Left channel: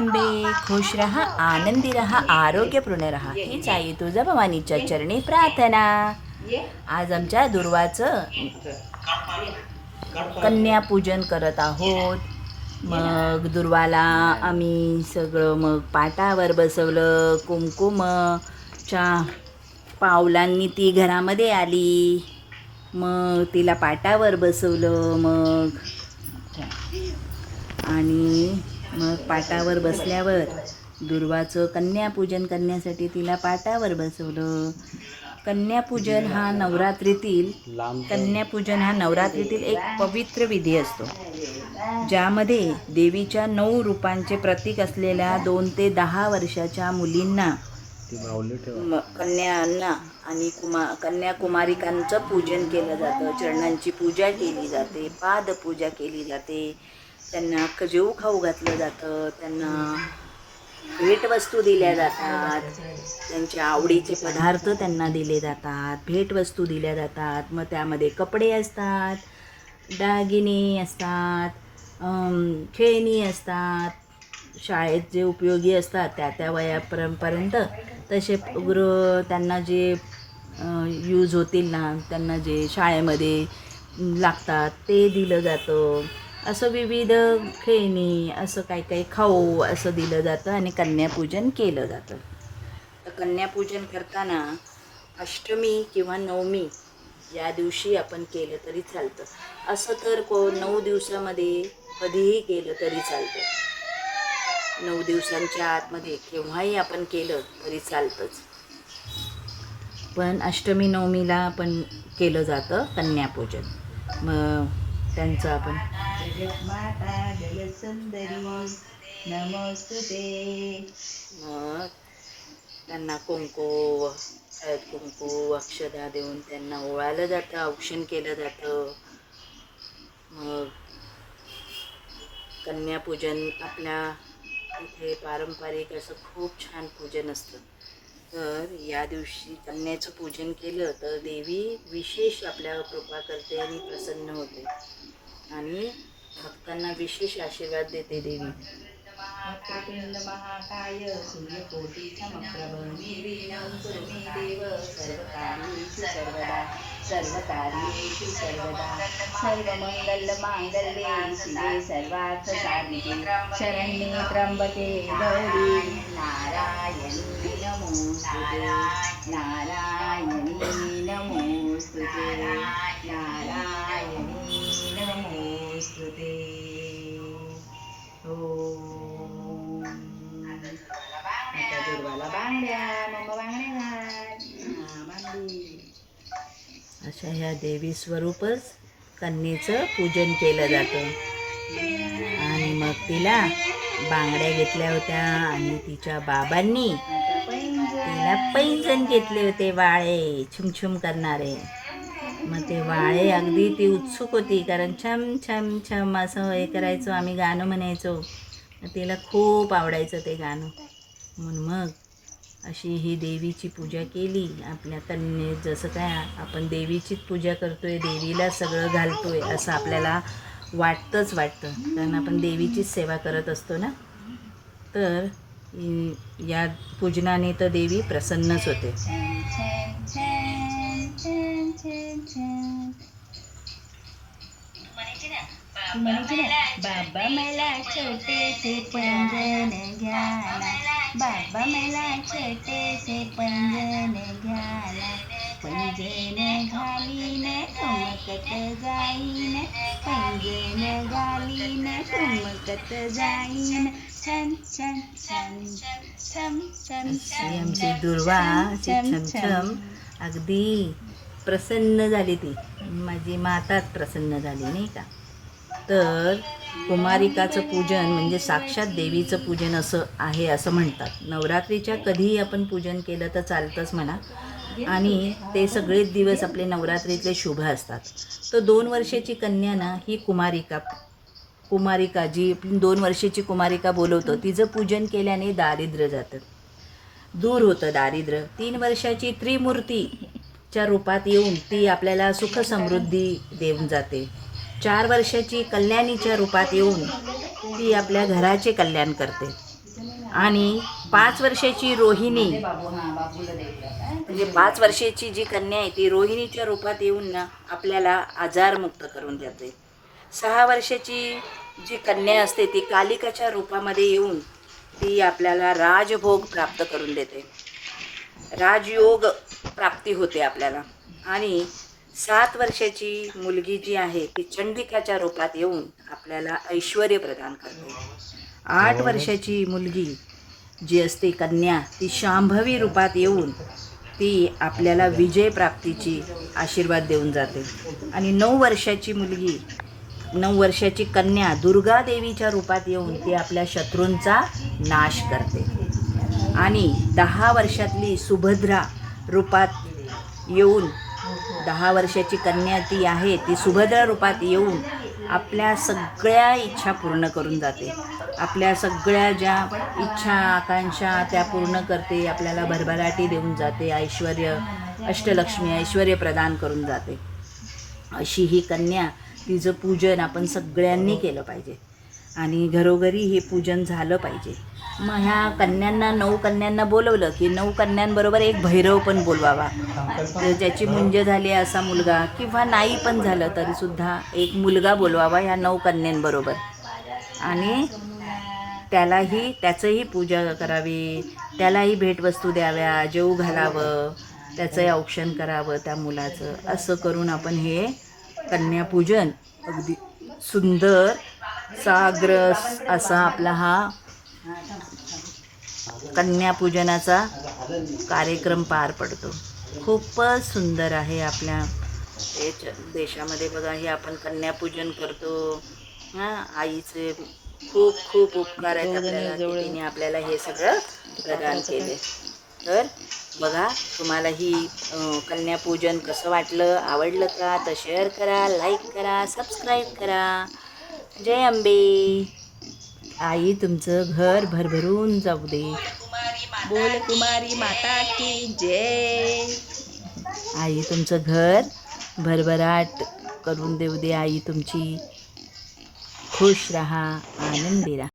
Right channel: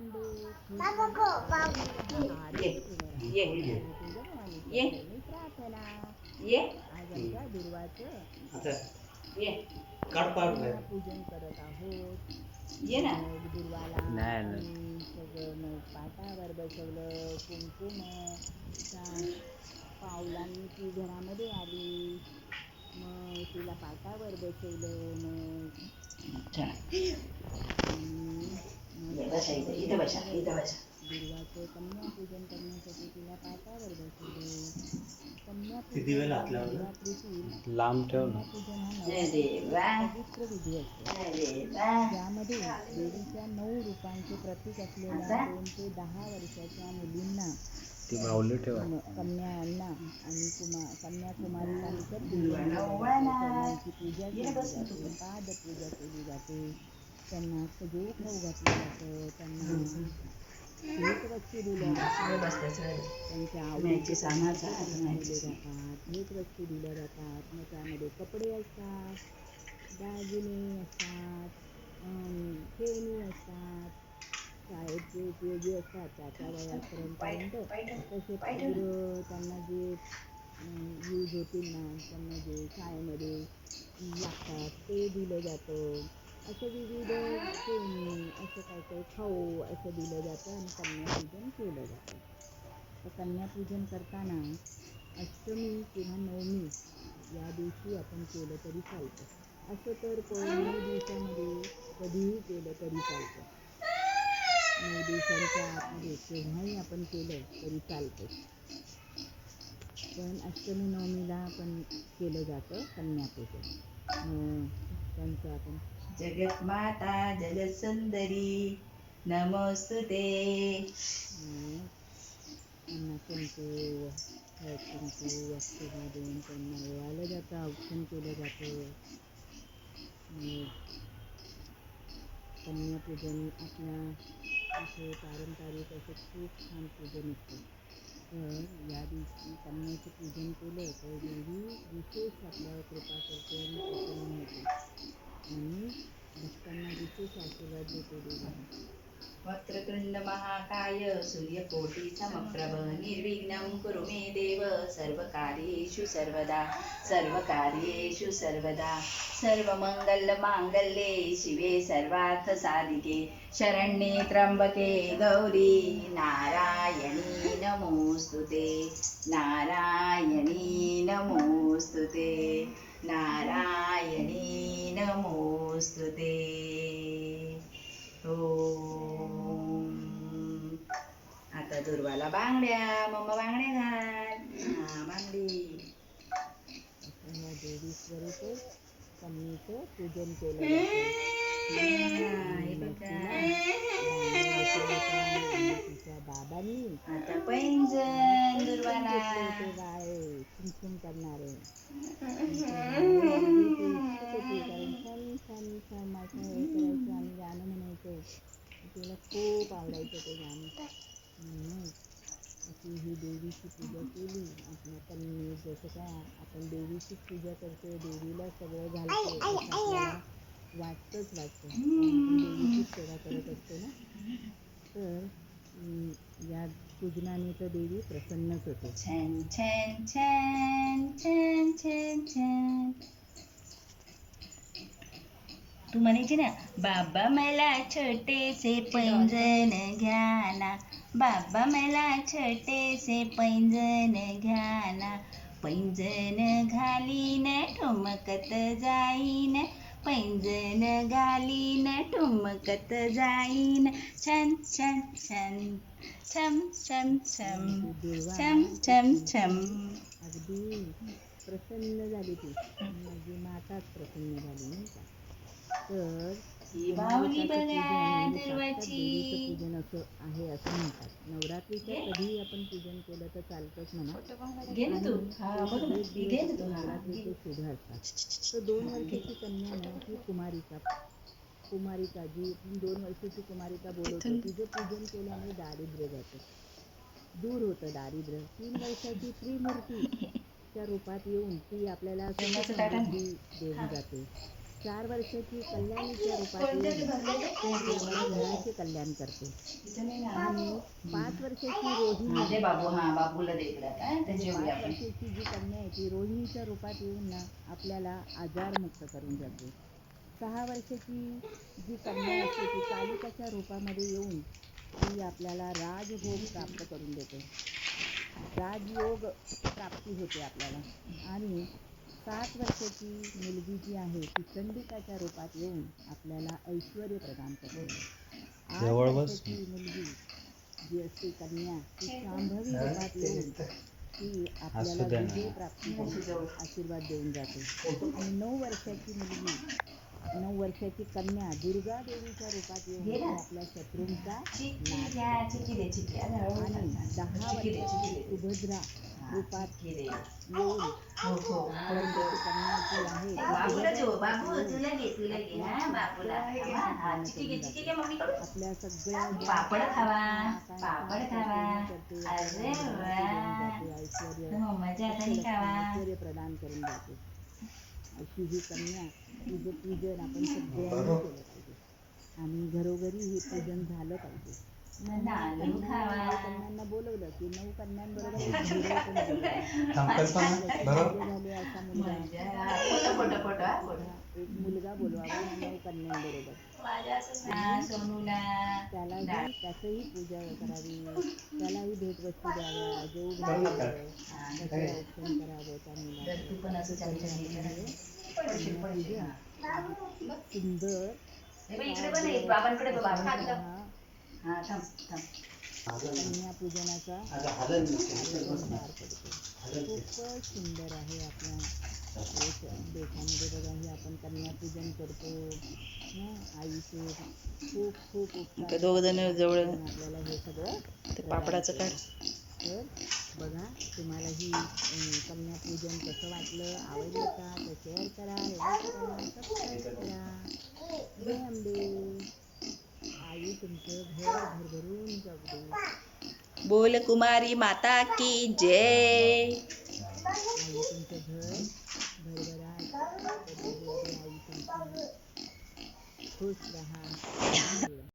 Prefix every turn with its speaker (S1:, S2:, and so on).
S1: आंबे खुश रहा आनंदी रहा आरोग्यपूर्ण रहा. हीच आई तुझा भवानीच्या चरणी प्रार्थना. आज आमच्या दुर्वाचं कन्यापूजन करत आहोत. मग दुर्वाला आम्ही सगळं मग पाटावर बसवलं कुमकुमच्या पावलांनी ती घरामध्ये आली. मग तिला पाटावर बसवलं मग. आणि मग पाटावर बसल्यावर दुर्वाचं कन्यापूजन करण्यासाठी तिला पाटावर बसवलं. कन्यापूजन हा नवरात्रीतील कन्यापूजन हा नवरात्रीतील एक पवित्र विधी असतो. ज्यामध्ये देवीच्या नऊ रूपांचे प्रतीक असलेल्या दोन ते दहा वर्षाच्या मुलींना कन्यांना आणि कुमा कन्याकुमारिकांचं पूजन केलं जातं. चरणांची पूजा केली जाते पादपूजा केली जाते. त्यांना खजेऊ खाऊ घातलं जातं त्यांना भेटवस्तू दिल्या जातात त्यांच्या आवडीचे पदार्थ त्यांना दिले जातात भेटवस्तू दिल्या जातात मग त्यामध्ये कपडे असतात दागिने असतात खेळणी असतात शाळेत जे उपयोगी असतात त्या त्या वयापर्यंत तसे गृह त्यांना जे यूज होतील ना त्यांना जे शाळेमध्ये लागतात ते दिलं जातं. असं विविध खेळणी असं काही काही खाऊ असं दिलं जातं आणि कन्यापूजन केलं जातं. तर कन्यापूजन करताना अष्टमी किंवा नवमी या दिवशी आपण केलं तरी चालतं. असं तर को नऊ दिवसामध्ये कधीही केलं तरी चालतं. नऊ दिवसांच्या आतमध्ये केव्हाही आपण केलं तरी चालतंच. पण अष्टमी नवमीला आपण केलं जातं कन्यापूजन. मग त्यांचं आपण.
S2: जगन्माता जलसुंदरी नमोस्तुते
S1: मग त्यांना कुंकू हळद कुंकू अक्षदा देऊन त्यांना ओवाळलं जातं औक्षण केलं जातं. मग कन्यापूजन आपल्या इथे पारंपरिक असं खूप छान पूजन असतं. तर या दिवशी कन्याचं पूजन केलं तर देवी विशेष आपल्यावर कृपा करते आणि प्रसन्न होते. आणि भक्तांना विशेष आशीर्वाद देते देवी.
S2: वक्रतुंड महाकाय सूर्यकोटी चमप्रभ निर्विघ्नं कुरु मे देव. सर्वकार्येषु सर्वदा सर्वकार्येषु सर्वदा. सर्वमङ्गलमाङ्गल्ये शिवे सर्वार्थसाधिके. शरण्ये त्र्यम्बके गौरी. नारायणी नमोस्तुते नारायणी नमोस्तुते नारायणी नमोस्तुते ओम आता दुर्वाला बांगड्या मम्मा बांगड्या घाल. हा बांगडी.
S1: अशा ह्या देवी स्वरूपच कन्येचं पूजन केलं जातं. आणि मग तिला बांगड्या घेतल्या होत्या आणि तिच्या बाबांनी तिला पैंजण घेतले होते वाळे छुमछुम करणारे. मग ते वाळे अगदी ती उत्सुक होती कारण छम छम छम असं हे करायचो आम्ही गाणं म्हणायचो. तिला खूप आवडायचं ते गाणं. म्हणून मग अशी ही देवीची पूजा केली. आपल्या त्यांनी जसं काय आपण देवीचीच पूजा करतोय देवीला सगळं घालतोय असं आपल्याला वाटतंच वाटतं. कारण आपण देवीचीच सेवा करत असतो ना. तर या पूजनाने तर देवी प्रसन्नच होते.
S2: बाबा मला छोटेसे पैंजण घ्या ना. बाबा मला छोटेसे पंजन घ्या ना पैंजण घालीन ठुमकत जाईन. पैंजण घालीन ठुमकत जाईन. छन छन छन छम छम छम
S1: दुर्वा
S2: छम
S1: छम अगदी प्रसन्न झाली ती. माझी माताच प्रसन्न झाली नाही का? तर कुमारिकाचं पूजन म्हणजे साक्षात देवीचं पूजन असं आहे असं म्हणतात. नवरात्रीच्या कधीही आपण पूजन केलं तर चालतंच म्हणा. आणि ते सगळेच दिवस आपले नवरात्रीतले शुभ असतात. तर दोन वर्षाची कन्या ना ही कुमारिका कुमारिका जी दोन वर्षाची कुमारिका बोलवतो तिचं पूजन केल्याने दारिद्र्य जातं. दूर होतं दारिद्र्य. तीन वर्षाची त्रिमूर्तीच्या रूपात येऊन ती आपल्याला सुख समृद्धी देऊन जाते. चार वर्षाची कल्याणीच्या रूपात येऊन ती आपल्या घराचे कल्याण करते. आणि पाच वर्षाची रोहिणी. म्हणजे पाच वर्षाची जी कन्या आहे ती रोहिणीच्या रूपात येऊन ना आपल्याला आजारमुक्त करून देते. सहा वर्षाची जी कन्या असते ती कालिकाच्या रूपामध्ये येऊन ती आपल्याला राजभोग प्राप्त करून देते. राजयोग प्राप्ती होते आपल्याला. आणि सात वर्षाची मुलगी जी आहे ती चंडिकाच्या रूपात येऊन आपल्याला ऐश्वर प्रदान करते. आठ वर्षाची मुलगी जी असते कन्या ती शांभवी रूपात येऊन ती आपल्याला विजय प्राप्तीची आशीर्वाद देऊन जाते. आणि नऊ वर्षाची मुलगी नऊ वर्षाची कन्या दुर्गा देवीच्या रूपात येऊन ती आपल्या शत्रूंचा नाश करते. आणि दहा वर्षातली सुभद्रा रूपात येऊन दहा वर्षाची कन्या ती आहे ती सुभद्रा रूपात येऊन आपल्या सगळ्या इच्छा पूर्ण करून जाते. आपल्या सगळ्या ज्या इच्छा आकांक्षा त्या पूर्ण करते आपल्याला भरभराटी देऊन जाते ऐश्वर अष्टलक्ष्मी ऐश्वर प्रदान करून जाते. अशी ही कन्या तिचं पूजन आपण सगळ्यांनी केलं पाहिजे. आणि घरोघरी हे पूजन झालं पाहिजे. मग ह्या कन्यांना नऊ कन्यांना बोलवलं की नऊ कन्यांबरोबर एक भैरव पण बोलवावा. ज्याची मुंज झाली असा मुलगा किंवा नाही पण झालं तरी सुद्धा एक मुलगा बोलवावा ह्या नऊ कन्यांबरोबर. आणि त्यालाही त्याचंही पूजा करावी त्यालाही भेटवस्तू द्याव्या जेऊ घालावं त्याचंही औक्षण करावं त्या मुलाचं. असं करून आपण हे कन्यापूजन अगदी सुंदर साग्र असा आपला हा कन्यापूजनाचा कार्यक्रम पार पडतो. खूपच सुंदर आहे आपल्या देशामध्ये. बघा हे आपण कन्यापूजन करतो. हां आईचे खूप खूप उपकार आहेत आपल्याला. हे सगळं प्रदान केले तर बघा तुम्हाला ही कन्यापूजन कसं वाटलं? आवडलं का? तर शेअर करा लाईक करा सबस्क्राईब करा. जय अंबे आई तुमचं घर भरभरून जाऊ दे.
S2: बोल कुमारी माता की जय.
S1: आई तुमचं घर भरभराट करून देऊ दे. आई तुमची खुश राहा आनंदी राहा.